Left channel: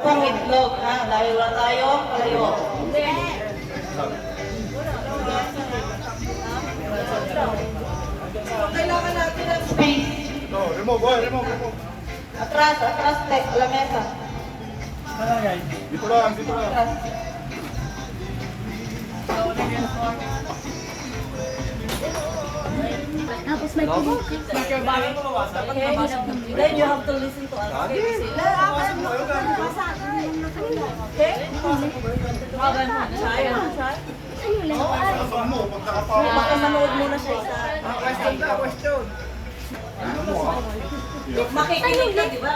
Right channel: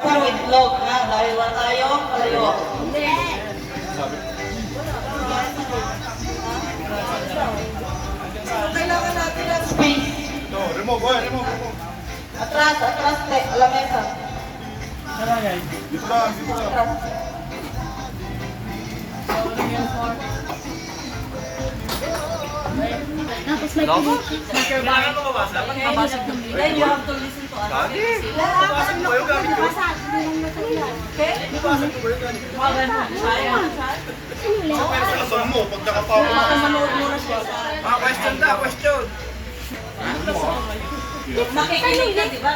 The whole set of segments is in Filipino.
Pang itlog, ha? Dahil wala tayong kalayo. Kailangan natin ng space. No, remove, boy, remove. Atras, lamesa. Dito lang, dito lang. Then you have to listen to us. Okay? Asan mo, pag nakapawa. Manood muna siya. Question. Makikinig ka, di ba?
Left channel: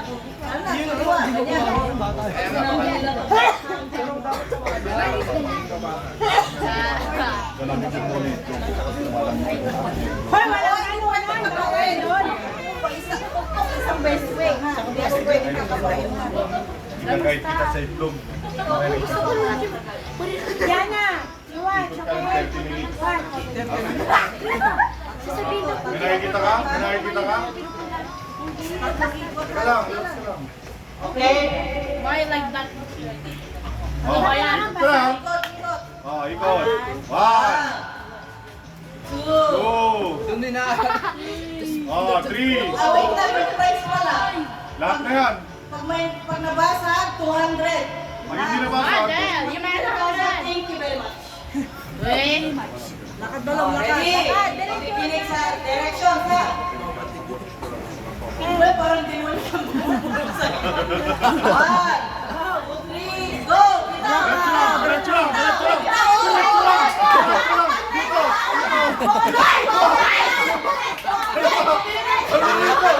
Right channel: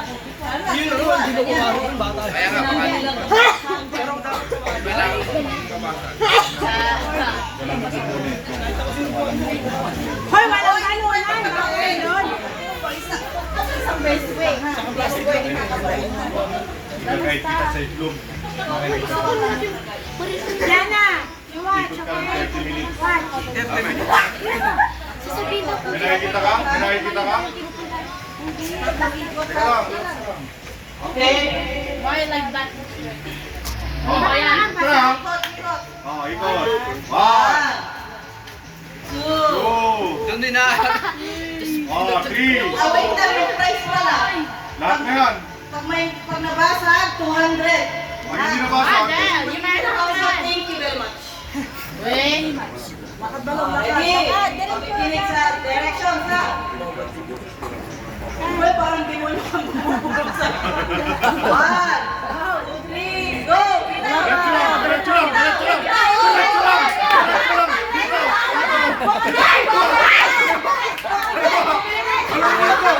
Hoy, wala. Isang best way, ha? Best way. Kahit kita sa itlog. Lana, you watch, Ikot ka lang 30 minutes. watch. May nakikita ka? May nakikita ka? Teka lang, relax lang. Okay? Oh, ikot lang. Oh, ikot. 1, 2, Doon din na. oh, 3. Wait na, yung price pala. Lahat na yan. Pag nabasa, 200. Pag hindi nabasa, Thank you very much. Ready? Makikinig sa directions, ha? Uy, parang di mo lang bubulog sa 1, 2, 3, go! diretso lang, diretso lang, diretso lang. Diretso lang, diretso lang. Dito. Ano dito?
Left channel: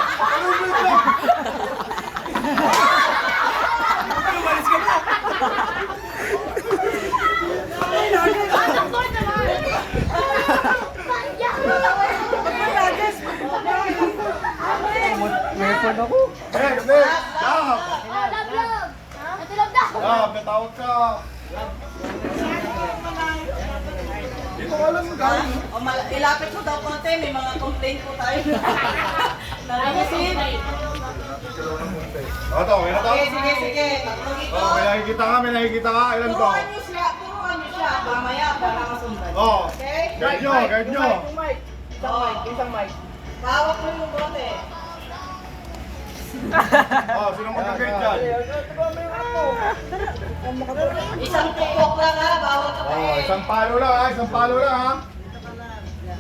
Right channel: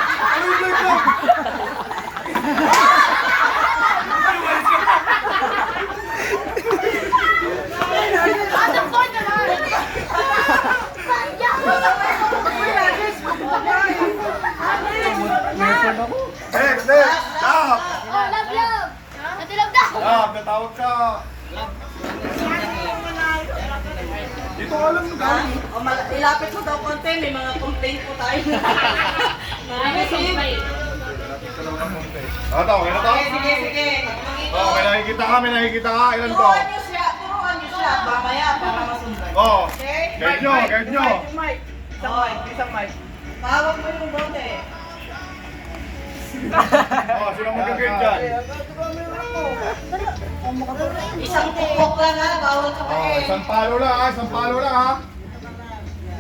Next, stop. Stop, natawag ka. Dito ka lang guys. Ilapit mo daw konti, may mga complaint po tayo. Nakakasip. Ito, okay na to? Sige. Oh, may nakikita ka, may nakikita ka. Ilan to? Turuan niyo siya. Mamaya para masundan. Oh, Okay? guide nyo, guide nyo. Isang mic. Pawak mo yung bote. Oh, sino mag-guide dyan? Isang tukok lang, ha? Bawal ka pa Oh, isang palo lang ha, isang palo lang ha.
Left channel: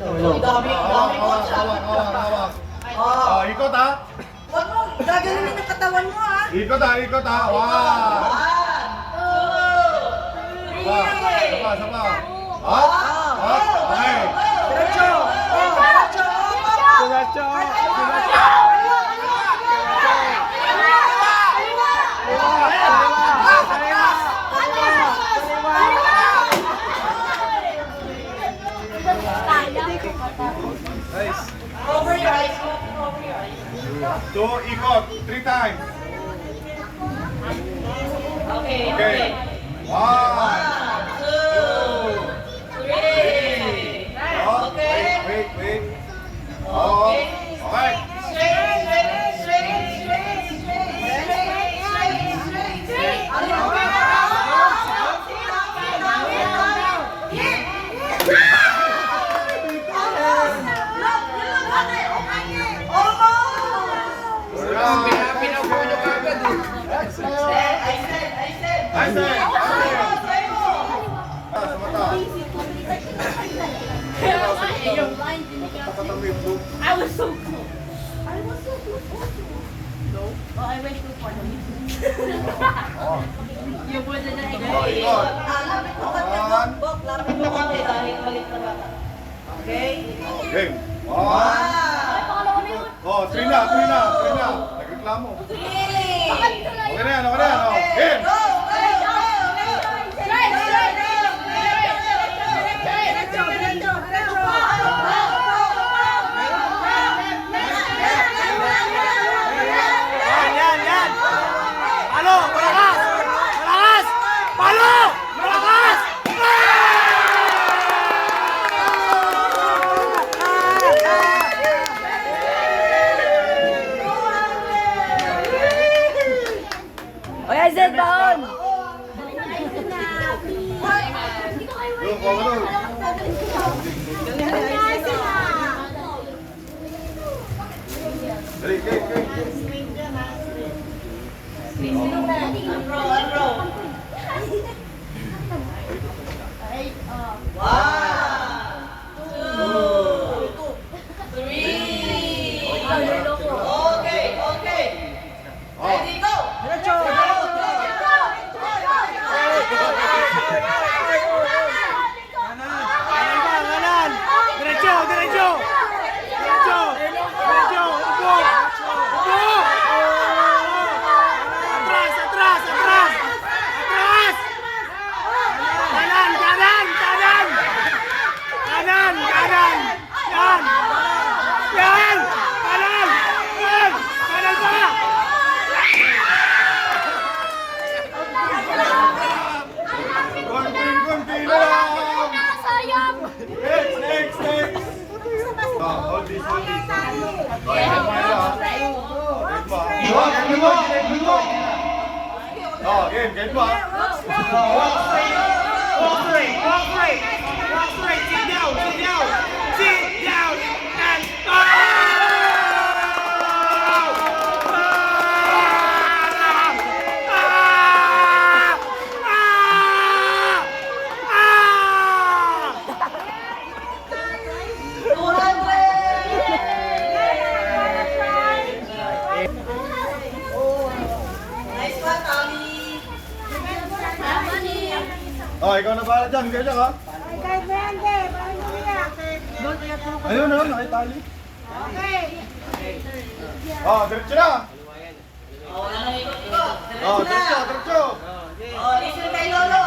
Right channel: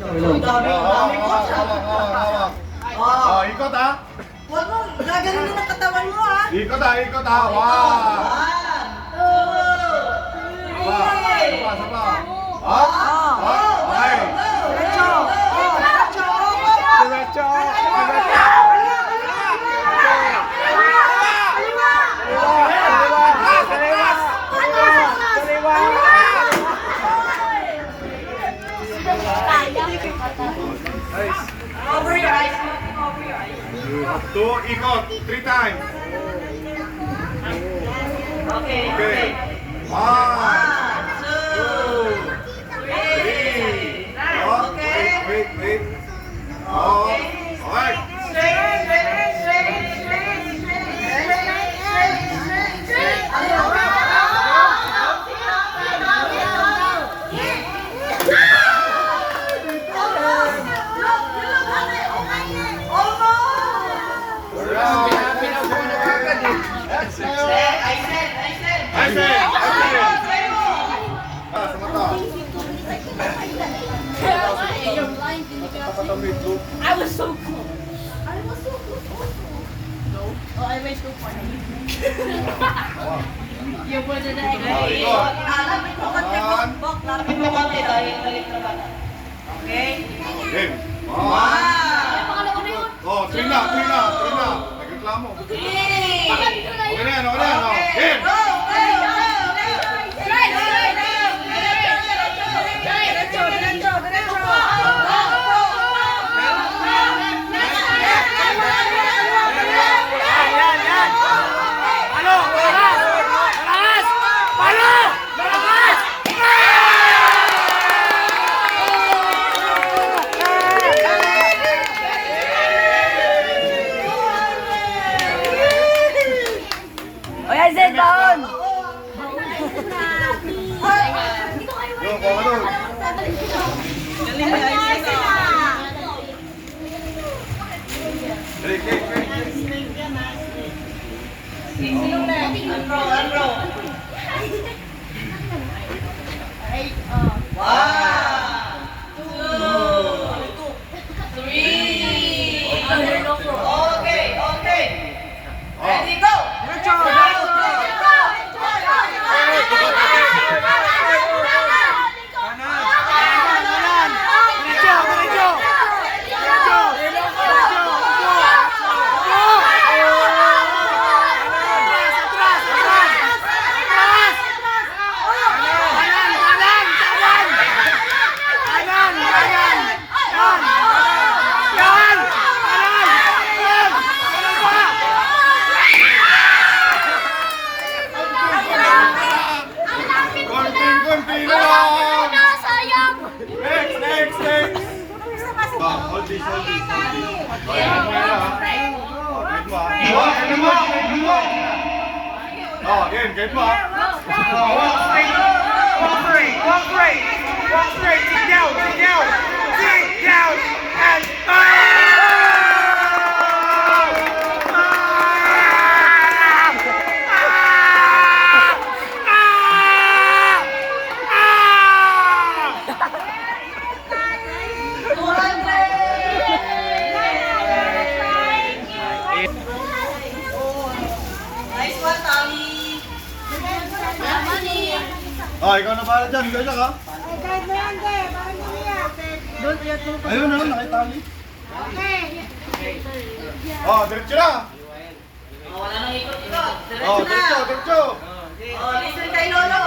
Ang dami ko siya. Hawak. Oh, ikot ha. Huwag mo, gaganon mo ng katawan mo, ha? Ikot ha. Wow. 1, 2, 3. Sapa. Up. Okay. Over your eyes. Over your eyes. You have to ikot 3 times. Okay. Okay. 1, 2, 3. Oh, Okay. wait. Oh, okay. I said. Ah, sa mata. Tapat ang itlog. I was so cool. No? Oh, I went too far. You wouldn't Oh, ikot. Okay? Game. 1. Oh, 3 na. Nagreklamo. Okay na yan. Oh, game. yan. Yung, kuha ka doon. Dali, Unroll. One, two, three. Okay. Ready, go. Konti na lang. Next. Hold this. Okay, mo yan ha. Wait mo ha. Oh, again, kahit mo ha. Walk straight. Sit down. And Nice one, Tommy. oh, ikaw na pala dyan. Ikaw na ka. Ayun na lang, nakitali. Oh, diretso na. Wala nang ikot-ikot. Oh, diretso. Listen kay Lolo.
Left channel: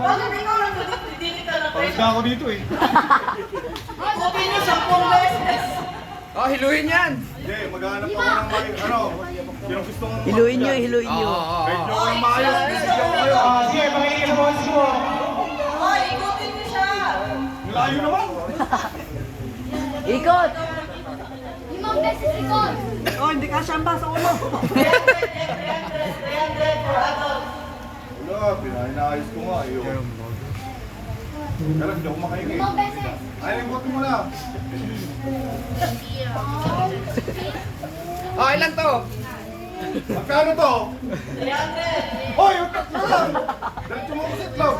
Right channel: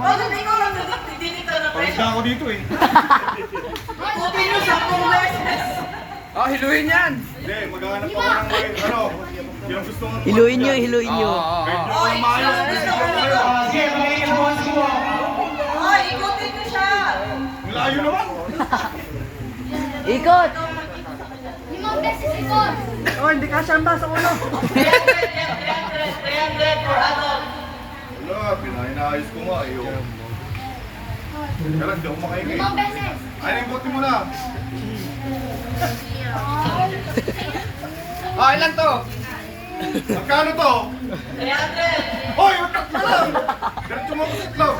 Bakit ikaw lang hindi ka na Pagod na ako dito eh. Buti nyo sa beses. Oh, hiluin yan. Hindi, maghanap ako ng pinang gusto nga. Hiluin nyo. Kahit nyo ang maayos, bibigyan ko kayo. Ay, ikutin nyo siya. Ang layo naman. Ikot. Hindi ka siya ba sa ulo? 300 for adult. Wala, pinaayos ko nga. Kaya hindi ako makaingay. Ay, impotin mo na. Oh, ilan to? Magkano to? 300. Hoy, yung tatlo lang. Diretso mo ako sa itlog.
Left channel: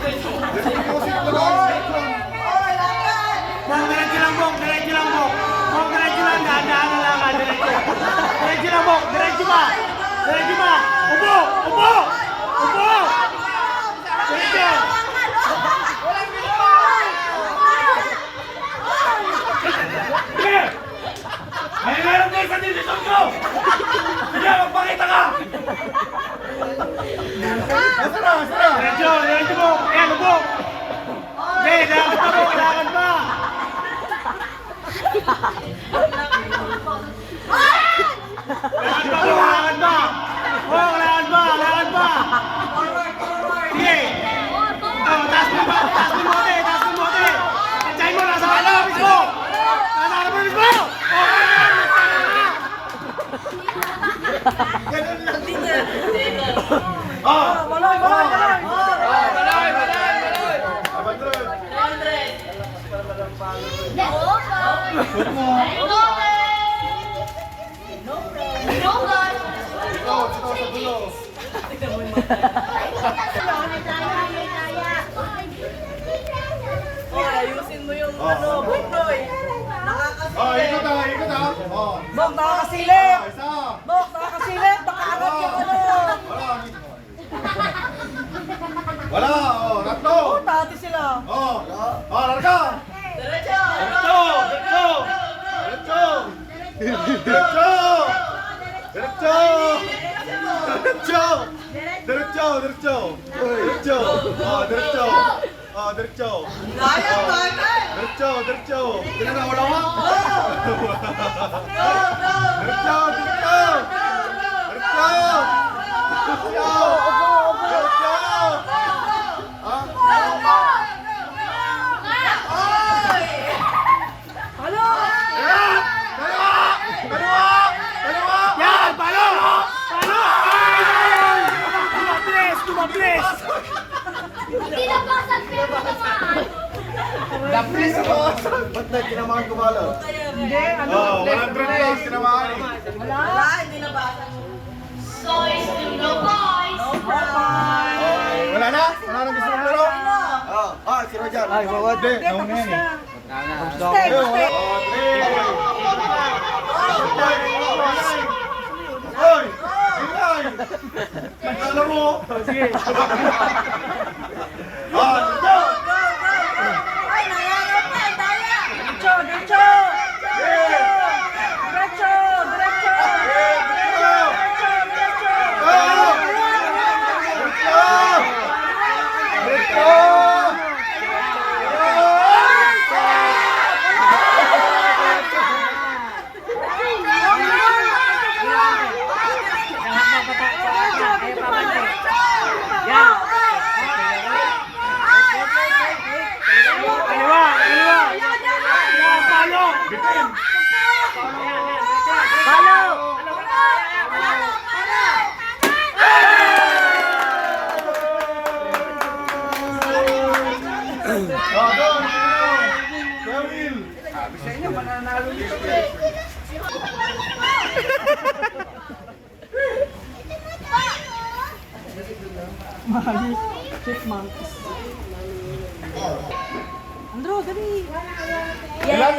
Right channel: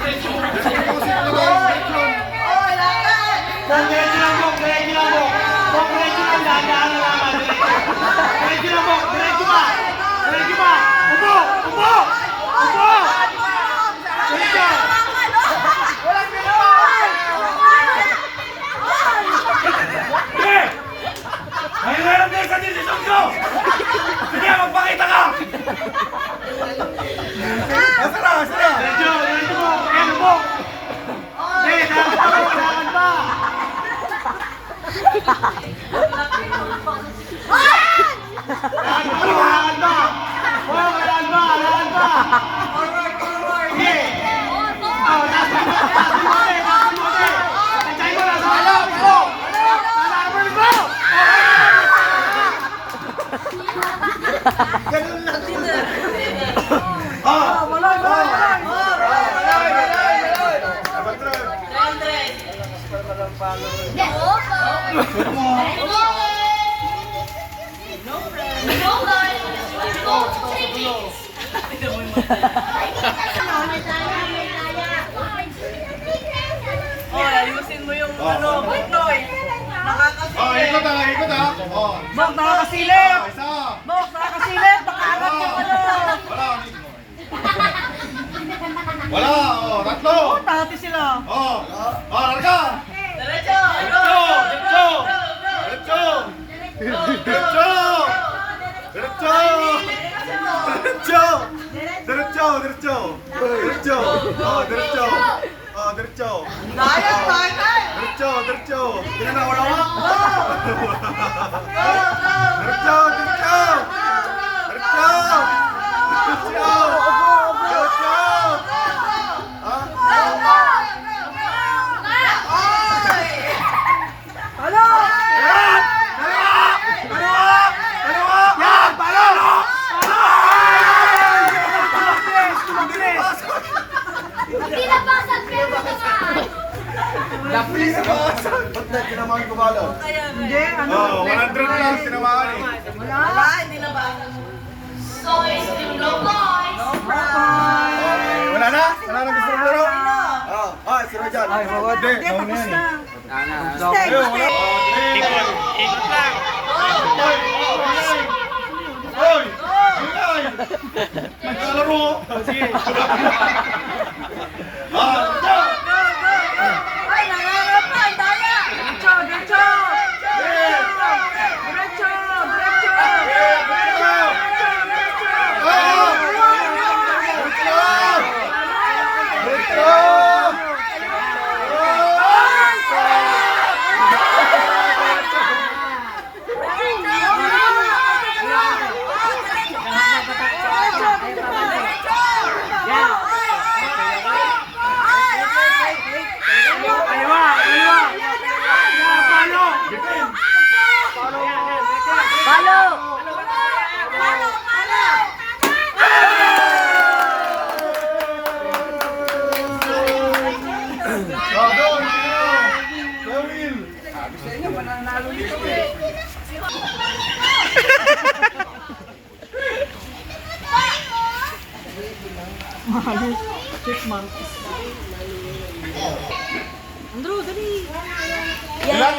Diretso mo ako sa itlog. Diretso lang. Oh, lakan. Diretso lang. Ay, meron kayo sa desisyon ko! Sige, magpakita ka! Asara! Diretso mo! Ayan mo! Diretso mo! Kailangan ba? Kailangan ba? Kailangan ba? Sige! Ganun lang din eh. Malay! 300. Oh, ayusin mo yung ano, buntoy. Ikot ha! Bok, nakakasilip! Isa! Bok, nakakasilip! Nakaangat yung ano! Wala! Tatlo! Dati sila. Larga! Diretso! Diretso! Diretso, diretso. Diretso. Oh, diretso. Oh, diretso. Laya, bata. Diretso, diretso. Tingnan na, wala mo? Diretso, diretso. Diretso. Diretso. Diretso. Ah? Ano? Yan! Dalawa! Dalawa! Dalawa! Yan! Dalawa! Mabilis! Pinabasan, pinabasan. Mabilis! Ba't na tinamaan ko malo? Hindi, ano? Oh, 100 lang tinamaan eh. Wala, hindi na ba? So, it's still no boys. Okay, wala na? Wala na gusto mong laro? Si Rojan. Hindi, nauna yan eh. Ayun, wala. Ikot lang. Hoy! Ingay! Alam mo? Sige. Diretso! Ay, nangyayari pa, ang daya. Diretso, diretso. Diretso, diretso. Andrew, dali. Ilan?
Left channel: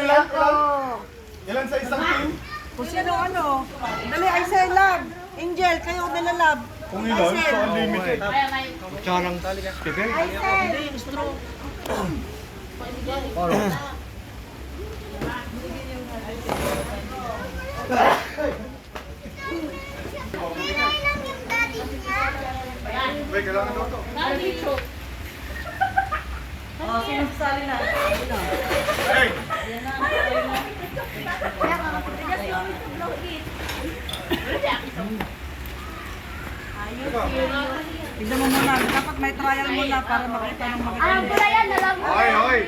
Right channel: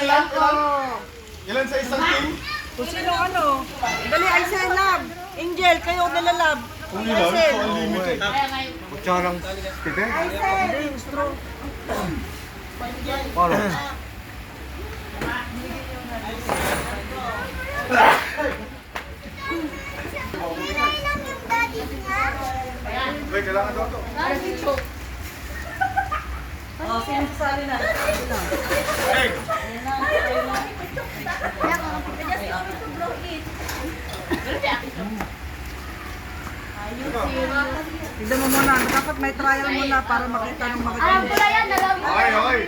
Ilan sa isang team? Kung sino ano. Dali, ay sa lab. Angel, kayo nilalab. Kung ilan? So unlimited. Kutsarang sticker? Hindi, straw. Paano? Wait, kailangan daw to. Oh, sino sasali na? Hey! Tignan mo muna, dapat may trial muna para makita ng mga Ang pula yan, alam mo. Hoy, hoy!